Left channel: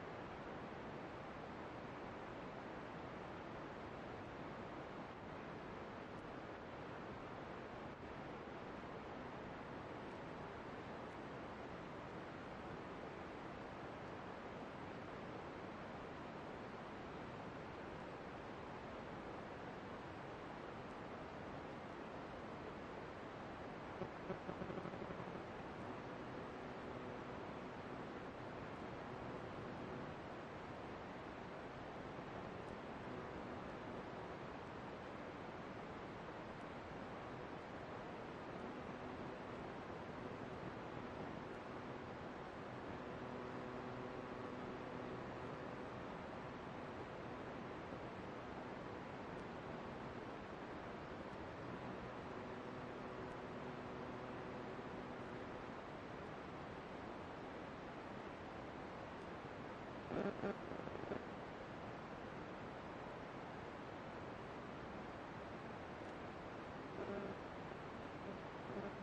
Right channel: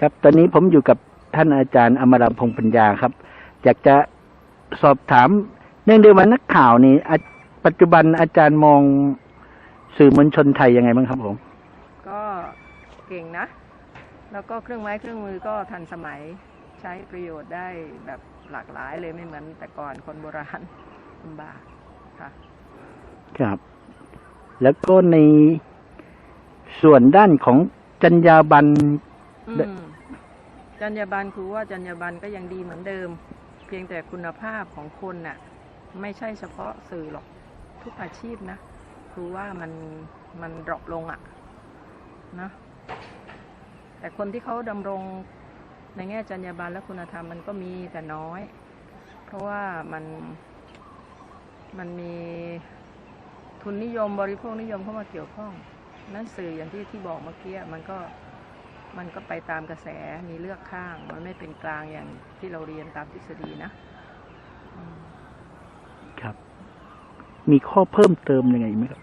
ครับ ตอนนี้ผมอยู่กับท่านอาจารย์อมรพงษ์ปัญญาครับ อยากจะสอบถาม เนื่องด้วยว่านักข่าวนี่อะปัจจุบันอาจารย์มองสื่อมวลชนไทยยังไงบ้างครับผม ก็เก่งนะ แล้วก็เครื่องไม้เครื่องมือก็ทันสมัยใช้ประโยชน์ได้แบบหลากหลายเลยไม่เหมือนแต่ก่อนคนโบราณลำบากค่ะ ครับ แล้วก็ในส่วนด้านของจรรยาบรรณอืและม จรรยาบรรณครูว่าจรรยาบรรณก็ยังดีเหมือนเดิม เพียงแต่คุณภาพของคนน่ะไม่ใช่เฉพาะสื่อหรอกทุกอาชีพนะครูว่ามันมันดรอปลงอะ่ะนะแต่คนที่เขาดำรงในแง่จรรยาบรรณและคุณธรรมมันก็มีแต่น้อย เพราะว่ามันมันมีทุนนิยมบริโภคนิยมเข้ามาเกี่ยวข้อง นั่นสื่ออย่างที่ที่บอกเมื่อกี้มันก็ มันก็ไปตามกระแสมีเลือกข้าง มันไม่เป็นกลางอย่างที่เราเรียนตามทฤษฎีนะอืมครับ มีข้อเพิ่มเติมยังไงไหมครับ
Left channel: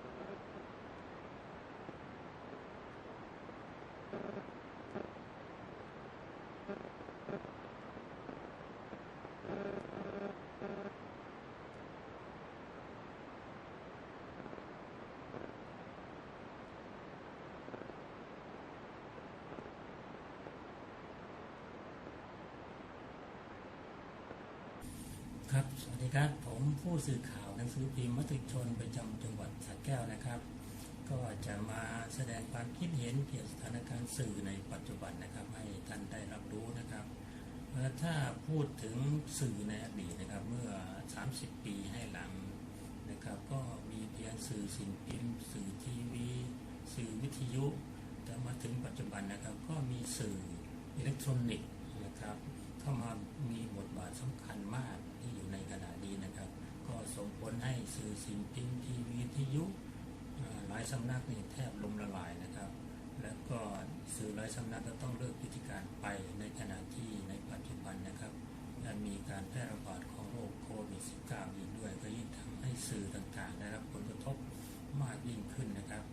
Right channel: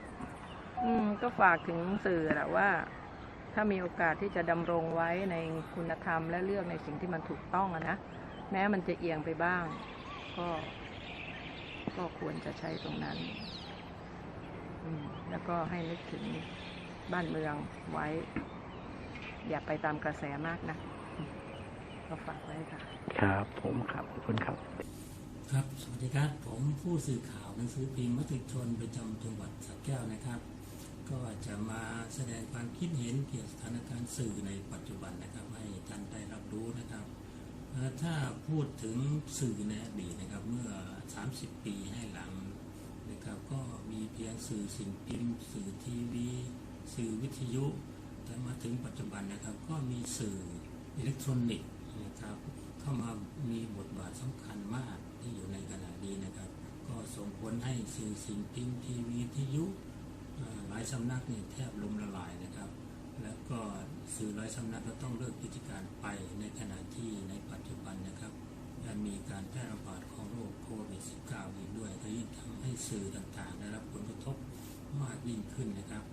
อืมก็ฝากถึงสื่อแหละว่า ถ้ามีโอกาสที่จะดำรงไว้ในคุณธรรมและเลือกในสิ่งที่มันถูกต้องอะนะแม้มันจะเอียงไปบ้าง ก็ก็ควรจะใช้ตรงนั้นอืมแล้วก็ให้นึกถึงบ้านเมืองไว้ อย่าไปตามกระแสมากนะอืมก็ฝากไว้ค่ะ ครับ ผมครับขอบคุณครับ ครับ สวัสดีครับผมผู้สื่อข่าวหนังสือพิมพ์มติชนประจำจังหวัดสระแก้วนะครับ ก็จะมาแสดงความคิดเห็นเกี่ยวกับสถานการณ์สื่อในปัจจุบันนะครับ ให้ท่านได้รับรู้นะครับเอ่อถ้าพูดถึงสื่อในอดีตนะครับ เมื่อ 30 ปีให้หลังนะครับ ก็มีเพียงสื่อสิ่งพิมพ์ สื่อทีวี สื่อวิทยุ แต่มาถึงปัจจุบันนะครับ ก็มีสื่ออิเล็กทรอนิกส์นะครับ เข้ามามีบทบาทสำคัญมากที่อยู่ในขณะนี้นะครับ ก็ส่งผลให้สื่อสิ่งพิมพ์ทีวีวิยุหลายสำนักนี่แทบล้มละลายนะครับ แล้วก็สื่อหลายสำนักก็ต้องเลิกกิจการไปในขณะที่ในปัจจุบันนะครับมีการแพร่ระบาดของโรคโควิด -19 อีกด้วยก็ยิ่งทำให้สื่อต่างๆ ได้รับผลกระทบมากยิ่งขึ้นนะครับ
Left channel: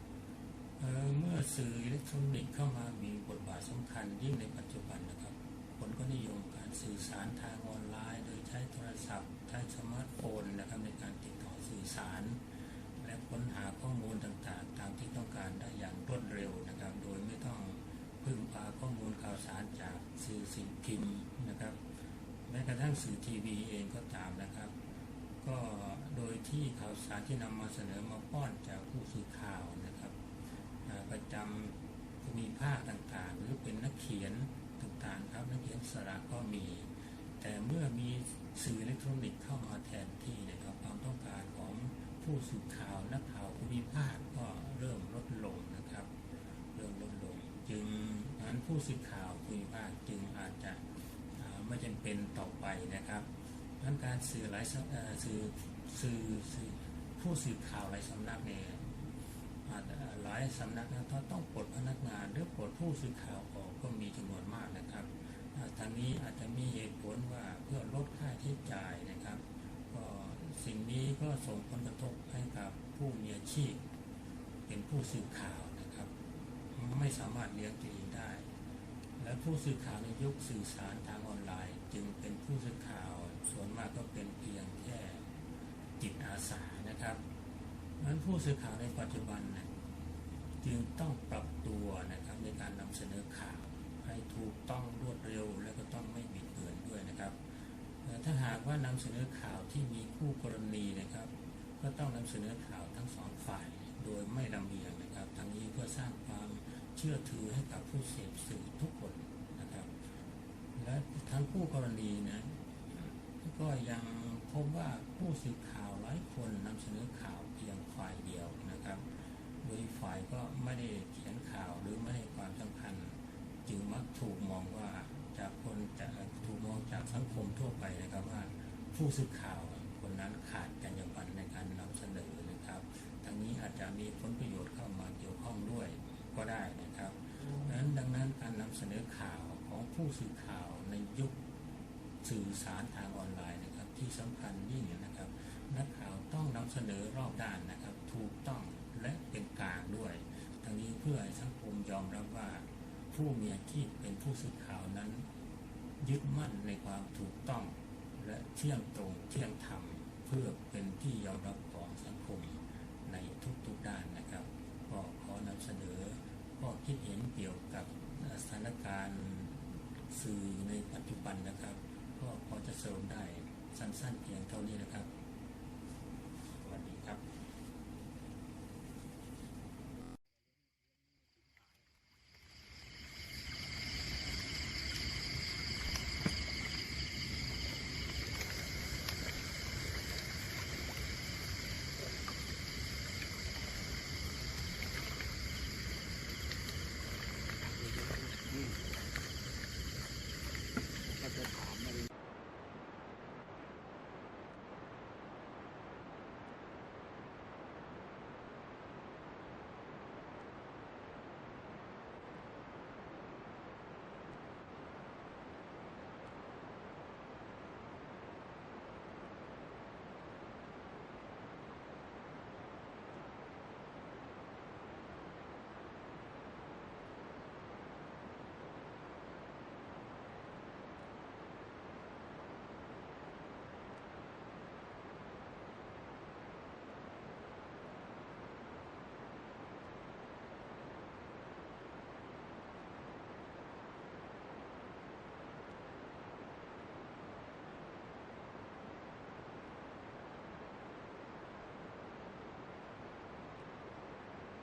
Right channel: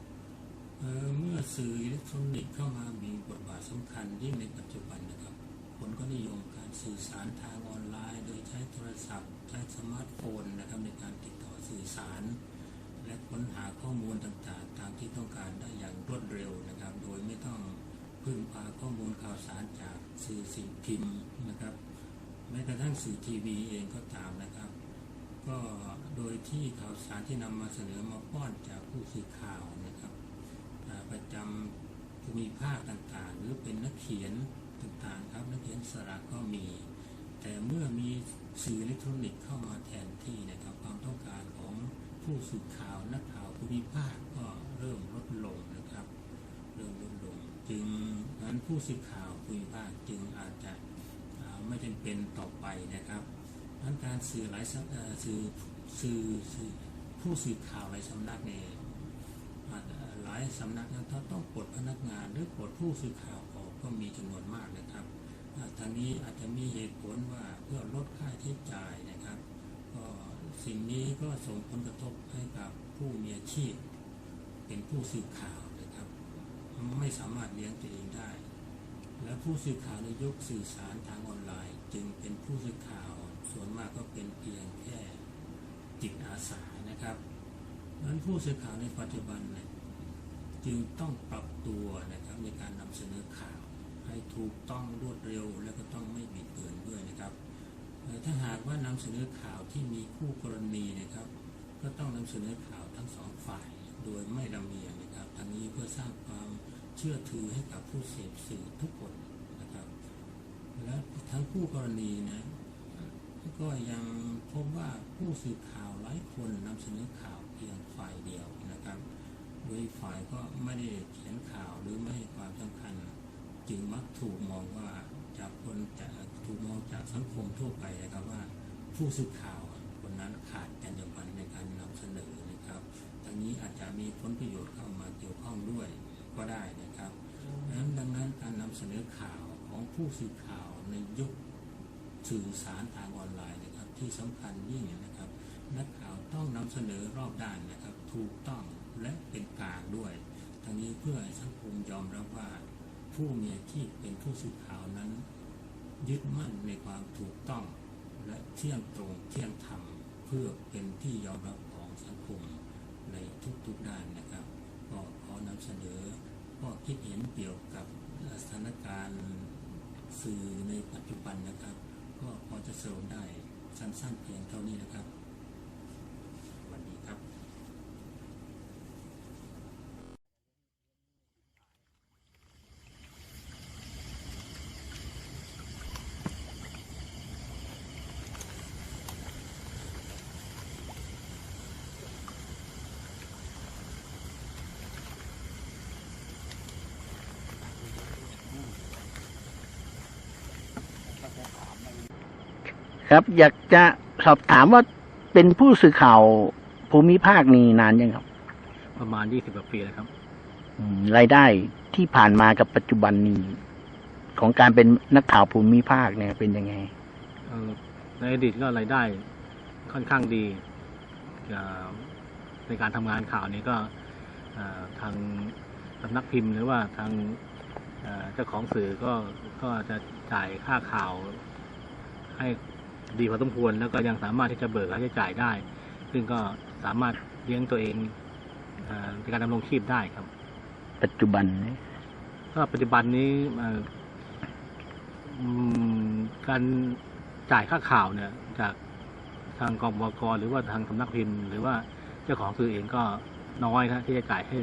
สื่ออิเล็กทรอนิกส์เข้ามามีบทบาทสำคัญยิ่งในปัจจุบันนะครับ คนก็นิยมการสื่อสารทางออนไลน์ โดยใช้โทรศัพท์ ใช้สมาร์ทโฟนนะครับในการติดต่อสื่อสาร และค้นหาข้อมูลต่างๆ ตามที่ต้องการได้อย่างรวดเร็วนะครับ โดยไม่ต้องพึ่งพาข้อมูลข่าวสารจากสื่อสิ่งพิมพ์นะครับ แม้กระทั่งสื่อทีวีเองก็ตามนะครับ ก็โดยที่ข่าวสารที่นำมาเสนอมาป้อนจากผู้สื่อข่าวนะครับ ประจำภูมิภาคต่างๆ หรือเป็นนักเขียนต่างๆครับนักเขียนสระก็มี แต่เมื่อมีสื่ออิเล็กทรอนิกส์เข้ามาแทนที่นะครับความต้องการของผู้สื่อข่าวนักข่าวภูมิภาคก็เริ่มลดลงนะครับเริ่มลดลง จึงนั้นผู้สื่อข่าวภูมิภาคจึงอาจจะไม่จำเป็นต่อไปนะครับนั้นการสื่อหลายสื่อสื่ออผู้สื่อข่าวหลายสำนักเนี่ยายสำนักนะถ้าต้องปลดพนักงานหรือปลดผู้สื่อข่าวออกก็มีจำนวนมากนะครับทางนี้อาจจะมีเหตุผลว่าเพื่อลดค่าใช้จ่ายนะครับก็สิ่งนี้ก็ส่งผลกระทบให้กับผู้มีอาชีพ เป็นผู้สื่อข่าวนะครับ ไม่สามารถเลี้ยงตัวเองได้ และผู้สื่อข่าวในยุคสื่อสารทางออนไลน์ จึงเป็นผู้สื่อข่าวส่วนมากก็เป็นเพียงแค่จิตอาสานะครับนั้นผู้สื่อข่าวในปัจจุบันนี่ย จึงต้องปรับตัวนะครับในการนำเสนอข่าว ให้ถูกต้องรวดเร็ว และก็ต้องไม่บิดเบือนด้วยนะครับ ถ้าหากว่านำเสนอข่าวที่มีคู่กรณีนะครับ ก็ต้องนำเสนอข่าวทั้งสองฝ่าย โดยไม่ลำเอียงนะครับทั้งนี้เพื่อสร้างความเชื่อถือให้กับผู้เสพสื่อทุกคนนะครับ และทั้งคู่กรณีนะก็ยังพบว่าผู้สื่อข่าวหลายคนนำเสนอข่าวเพียงฝ่ายเดียวนะครับ โดยฝ่ายก็ไม่ได้เขียนข่าวหรือไม่ให้ความสำคัญ จึงมักถูกมองว่าจากคนจะถูกมองจากสังคมทั่วไปนะครับว่า ผู้สื่อข่าวคนนั้นขาดจรรยาบรรณในการนำเสนอนะครับทั้งนี้อาจจะมีผลประโยชน์เข้ามาเกี่ยวข้องด้วยก็ได้นะครับดังนั้นดังนั้นการนำเสนอข่าวของผู้สื่อข่าวในยุคสื่อสารทางออนไลน์นะครับที่สำคัญยิ่งนะครับ นักข่าวต้องนำเสนอรอบด้านนะครับ ถูกต้อง และเป็นกลางด้วย ทั้งนี้เพื่อสังคมยอมรับว่า ผู้มีอาชีพเป็นผู้สื่อข่าวนั้น ยึดมั่นในความถูกต้อง และเที่ยงตรงเที่ยงธรรมเพื่อเป็นที่ยอมรับของสังคมในทุกๆด้านนะครับก็ขอนำเสนอข้อคิดเห็นเกี่ยวกับสถานการณ์สื่อในปัจจุบันนะครับ ก็พอจะสรุปได้สั้นๆเพียงเท่านี้นะครับสวัสดีครับ ครับ อยากจะสอบถามว่าเป็นผู้สื่อข่าวภูมิภาคนี้นานยังครับ ประมาณ20กว่าปีแล้วครับอืมรายได้ที่ผ่านมากับปัจจุบันนี้ ของการเป็นนักข่าวภูมิภาคเนี่ยเป็นยังไง เอ่อในอดีตก็รายได้ค่อนข้างดีเอ่อในการทำงานข่าวนี้ก็เอ่อทางสำนักพิมพ์หรือว่าทางเอ่อเจ้าของสื่อก็ก็จะจ่ายค่าข่าวให้ ดีพอสมควร แล้วก็ยังสามารถที่จะเบิกค่าใช้จ่ายได้ ซึ่งก็สามารถเลี้ยงตัวเองเอ่อในการดำรงชีพได้ครับ ปัจจุบันนี้ก็ปัจจุบันนี้เอ่ออืมการจ่ายค่าข่าวเนี่ย จากทางกองบกหรือว่าทางสำนักพิมพ์ หรือว่าเจ้าของสื่อเองก็น้อยนะที่จะจ่ายให้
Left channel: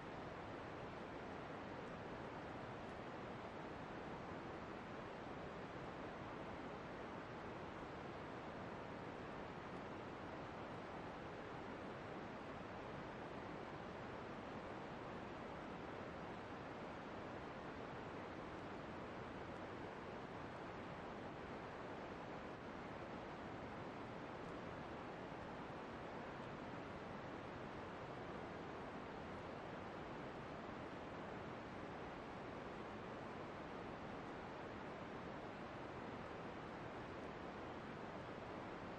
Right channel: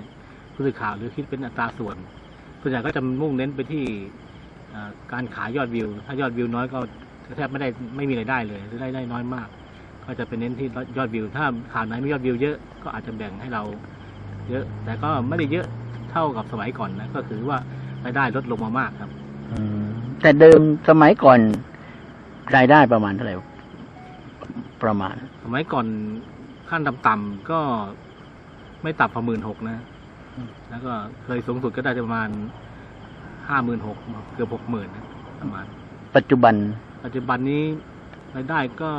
ผู้สื่อข่าวหรือคิดเป็นอัตราส่วนส่วนใหญ่ก็จะมุ่งเน้นไปที่เอ่อการขายยอดวิว ถ้ายอดวิวน้อยก็ แทบไม่ได้ไม่มีรายได้เลยหรือได้ได้น้อยมาก ก็จะเป็นเน้นที่ยอดวิว ถ้าข่าวไหนมียอดวิวเยอะก็อาจจะแบ่งให้เราเยอะ แต่ก็ไม่ได้เยอะเท่ากับสมัยก่อนนะก็คือว่ารายได้ลดลงมามากครับอืมแต่เดิมสมัยก่อนรายได้ประมาณเท่าไหร่ประมาณ สมัยก่อนขั้นต่ำๆก็ไม่ต่ำกว่าหมื่นหกนะอืมแล้วก็เคยสูงสุดก็ได้ประมาณห้าหมื่นหกเกือบหกหมื่นนะประมาณ ปัจจุบัน ปัจจุบันนี้รายได้ก็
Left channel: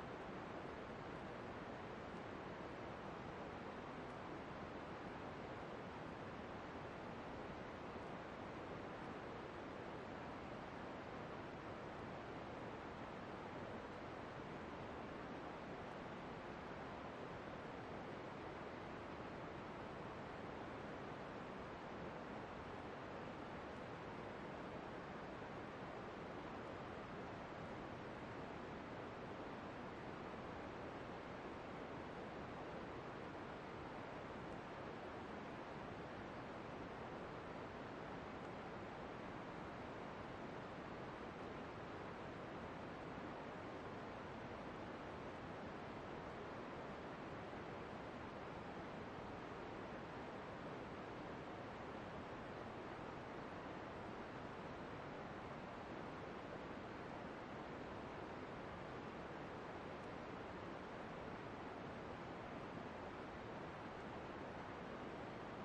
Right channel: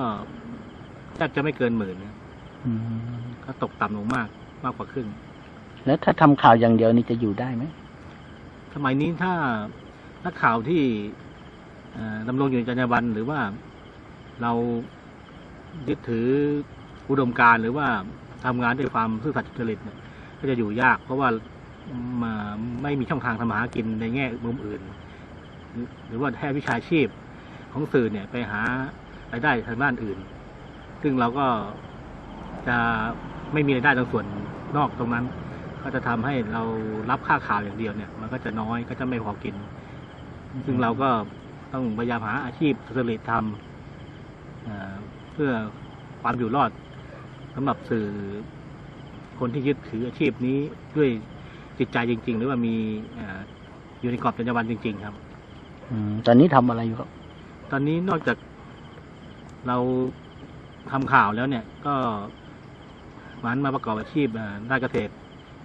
แทบจะไม่เกินหมื่นนะอืมก็ตกต่ำลงมากมากกว่าครึ่ง แล้วถ้าทำข่าวอย่างเดียวนี่จะอยู่ได้ไหมสมัยนี้ถ้านักข่าวที่เอ่อดำรงอยู่ในจรรยาบรรณหรือว่าเรายึดถืออุดมการณ์หรือว่าทำงานด้วยความซื่อสัตย์สุจริตเนี่ยก็จะอยู่ยาก เพราะว่ามาไม่มีช่องทางทำมาหากินในแง่มุมอื่น หรือหรือว่าแค่วิชาชีพ ของสื่อเนี่ยไปหารายได้ทางด้านอื่น ซึ่งเราก็จะไม่มีรายได้ตรงส่วนนอกตรงนั้น ก็จะทำให้เรารับค่าข่าวอย่างเดียวเนี่ย มันก็จะน้อยก็จะไม่พอกิน ซึ่งเราก็ต้องพยายามหาอาชีพสุจริตทำเพื่อความอยู่รอดสำหรับสื่อคนที่ยึดถืออาชีพนี้ด้วยจิตใจจริง ๆ หรือว่ามีอยู่ในกรอบจรรยาบรรณจริง ๆ ครับอืมตอนนี้ทำอะไรอยู่ครับ ตอนนี้นอกจากเราทำข่าวแล้วเนี่ยก็มันมาประกอบอาชีพเอ่อด้านเกษตร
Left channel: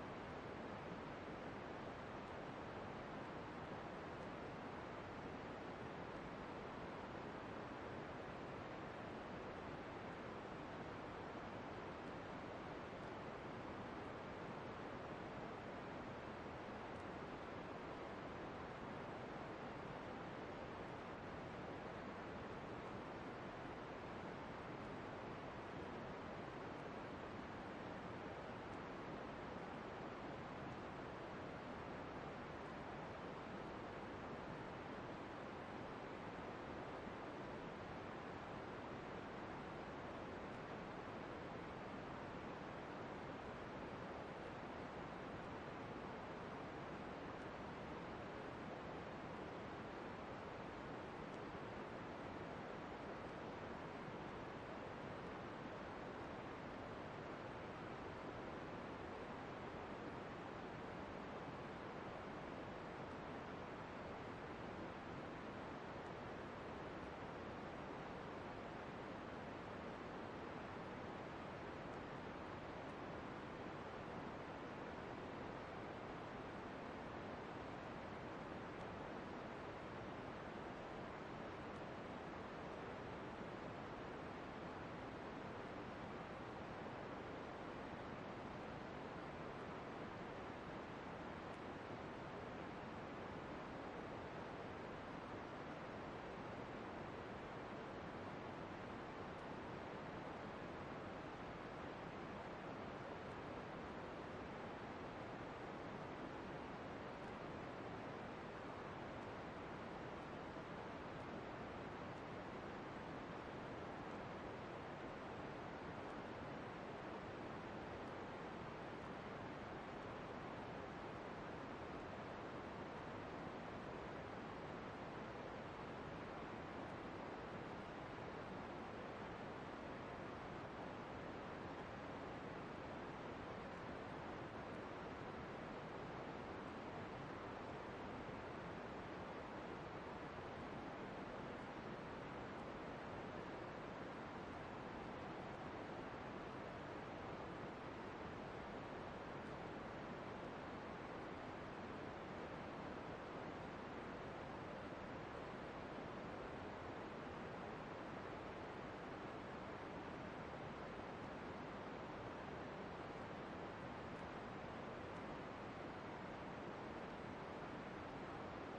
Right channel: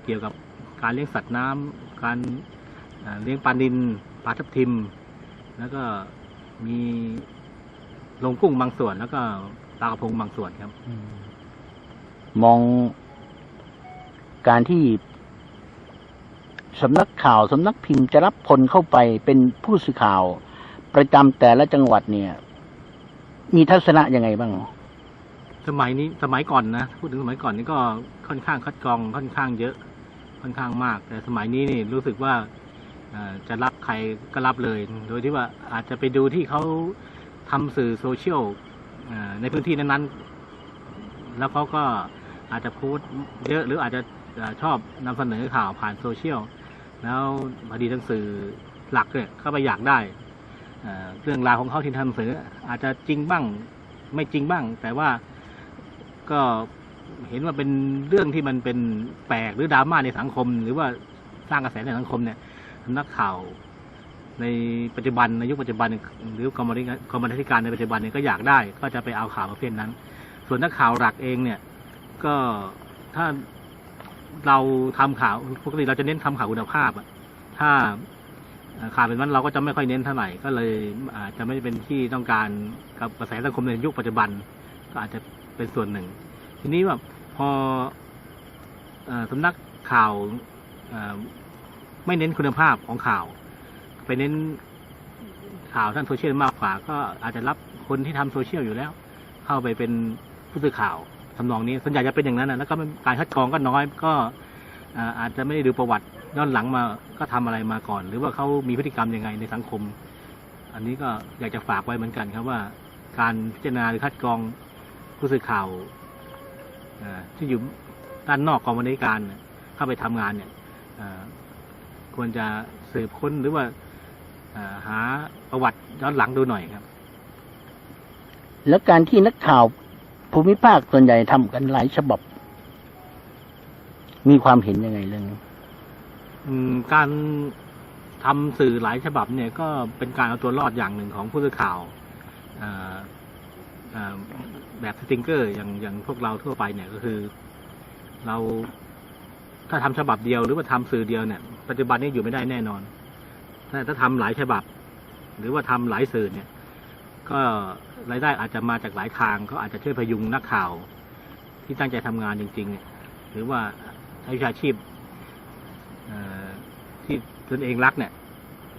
เกี่ยวกับการเลี้ยงสัตว์น้ำการเลี้ยงปลานินปลาทับทิม แล้วก็มีลงกุ้งบางส่วน แล้วก็ปลากระพงบางส่วนครับมองการที่สำนักข่าวสำนักพิมพ์จะรับคนเข้าไปเป็นผู้สื่อข่าว ประจำแต่ละจังหวัดเนี่ย มีทัศนะยังไงบ้าง สมัยนี้สมัยก่อนนะพูดถึงสมัยก่อนนี่ก็ค่อนข้างคัดกรองค่อนข้างเยอะ ค่อนข้างมาก แต่สมัยนี้นี่รู้สึกว่าจะรับใครก็รับเลย โดยที่ว่าอาจจะไปดูที่เขาทำสื่อโซเชียลในพื้นที่นั้นๆ แล้วเขาก็อาจจะโพสต์เยอะหรืออาจจะชอบนำเสนอข่าวผ่านโซเชียล แล้วพอดีทั้งสื่อหลักเนี่ยเขาไปอยากได้ เรื่องราวของเขาที่ทำหนังสืออาจจะจริงบ้างไม่จริงบ้าง แต่ว่าก็เห็นว่าเป็นเรื่องที่มันเป็นแปลกหรือดราม่าในสังคม หรือว่าสร้างกระแสในสังคมเนี่ยนักข่าวในปัจจุบันในยุคปัจจุบันหรือกรรมธิการกรรมธิการในปัจจุบันเนี่ยก็อยากได้ ก็จะไปเอาข่าวประเภทนั้น ส่วนนักข่าวหลักเองเนี่ยก็ถ้าเราทำข่าวปกติเราจะเน้นทำข่าวคุณภาพอะถ้า ข่าวเป็นวันเราก็จะไม่ค่อยเน้นเท่าไหร่ก็เลยอาจจะไม่เป็นที่ต้องการกับกระแสสังคมในยุคปัจจุบัน ก็อาจจะเป็นส่วนหนึ่ง ทีนี้ว่าพออสำนักข่าวไม่เน้นคุณภาพของข่าว ไปเน้นข่าวท่างโซเชียลมากกว่า ก็อาจจะรับคนที่ทำโซเชียลอยู่แล้ว เข้าไปเป็นผู้สื่อข่าวทำนองนี้ส่วนใหญ่จะเป็นอย่างนั้นนะแล้วก็การคัดกรองก็น้อยก็อาอาจจะไม่ได้ดูประวัติ ย้อนหลังมาก็ทำอะไรมาก่อน หรือว่าเขามีพฤติกรรมยังไงในสังคม อันนี้ก็อยากจะฝากไว้เหมือนกันครับว่า การพิจารณาหรือคัดกรองผู้สื่อข่าวที่อยู่ด้านนอกกองบรรณาธิการเข้าไปทำงานเนี่ยควรจะสืบค้นหรือว่าหาประวัติย้อนหลังดูหน่อยครับ แล้วการที่นักข่าวภูมิภาคส่วนใหญ่ทำกันหลายฉบับ มีความเห็นยังไงเรื่องนี้ การทำสื่อหลายฉบับเนี่ยก็เป็นการเอาตัวรอดอย่างหนึ่งของผู้สื่อข่าวแบบสติงเกอร์อย่างอย่างพวกเราทั่วไปเนี่ยก็คือ เราถ้าทำฉบับเดียวหรือว่าทำสื่อเดียวเนี่ย ปัจจุบันนี้อยู่ไม่ได้แน่นอนแต่ถ้าทำหลายฉบับ หรือว่าทำหลายสื่อเนี่ย ก็รายได้อาจจะมาจากหลายทาง ก็อาจจะช่วยพยุงนักข่าว ที่ตั้งใจทำงานจริง ๆ เนี่ย หรือว่าวิชาชีพ ที่ตนเองรักเนี่ย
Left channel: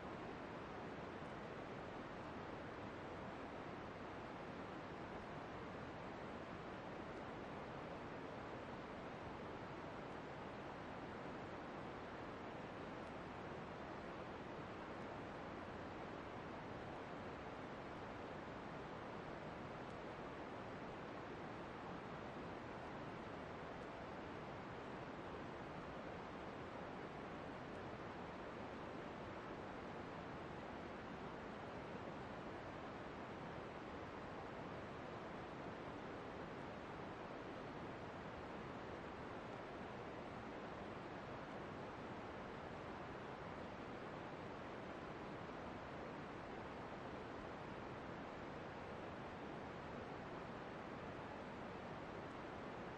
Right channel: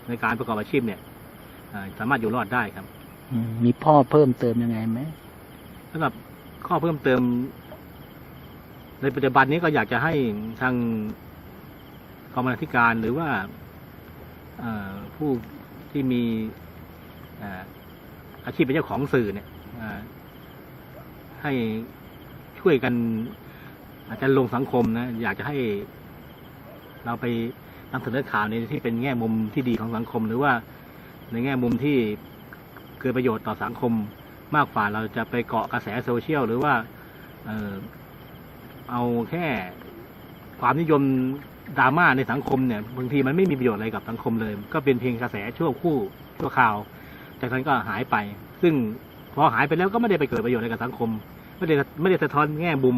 ในการประกอบอาชีพเนี่ยเอ่อสามารถอยู่รอดได้ครับอืมมีพ่อเพิ่มเติมยังไงไหมสำหรับข้อเพิ่มเติม ในปัจจุบันนี้ก็อยากจะให้ทางกองบรรณาธิการหรือว่าเอ่อผู้ที่มีเอ่ออาชีพเป็นเจ้าของสื่อเนี่ยเอ่อให้ช่วยกันอาจจะลงสังคมนะ อยากจะให้เราไป นำเสนอข่าวในที่เป็นแง่มุมที่ดีของสังคม หรือว่าในแง่มุมที่เกิดประโยชน์ต่อสังคมมากกว่าเราจะไปเกาะกระแสโซเชียลหรือว่าเออเอาแค่ความนิยมดราม่าในสังคมเนี่ยบางทีมันไม่มีประโยชน์อะไรกับสังคมเลย ก็เป็นเพียงกระแสชั่วคู่ชั่วคราว จากนั้นก็หายไป ซึ่งพอหายไปแล้วก็ไม่ได้ไปเกิดประโยชน์อะไรกับสังคม ไม่ได้ไม่ได้สะท้อนแง่มุม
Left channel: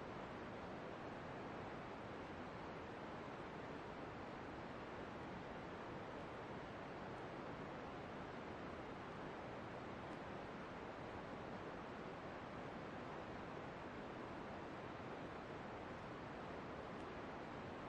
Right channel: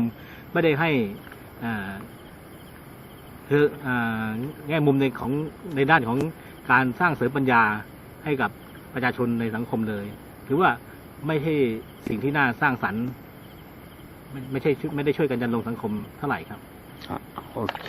ไม่ได้ให้อ่า คือแง่มุมในของในด้านของการสร้างเสริมปัญญาให้กับประชาชนในสังคมเลยหรือว่าไม่ใช่สิ่งที่น่าสร้างสรรค์ไม่ไม่ใช่ไม่ได้ช่วยกันจันลงสังคมเท่าไหร่ครับโอเค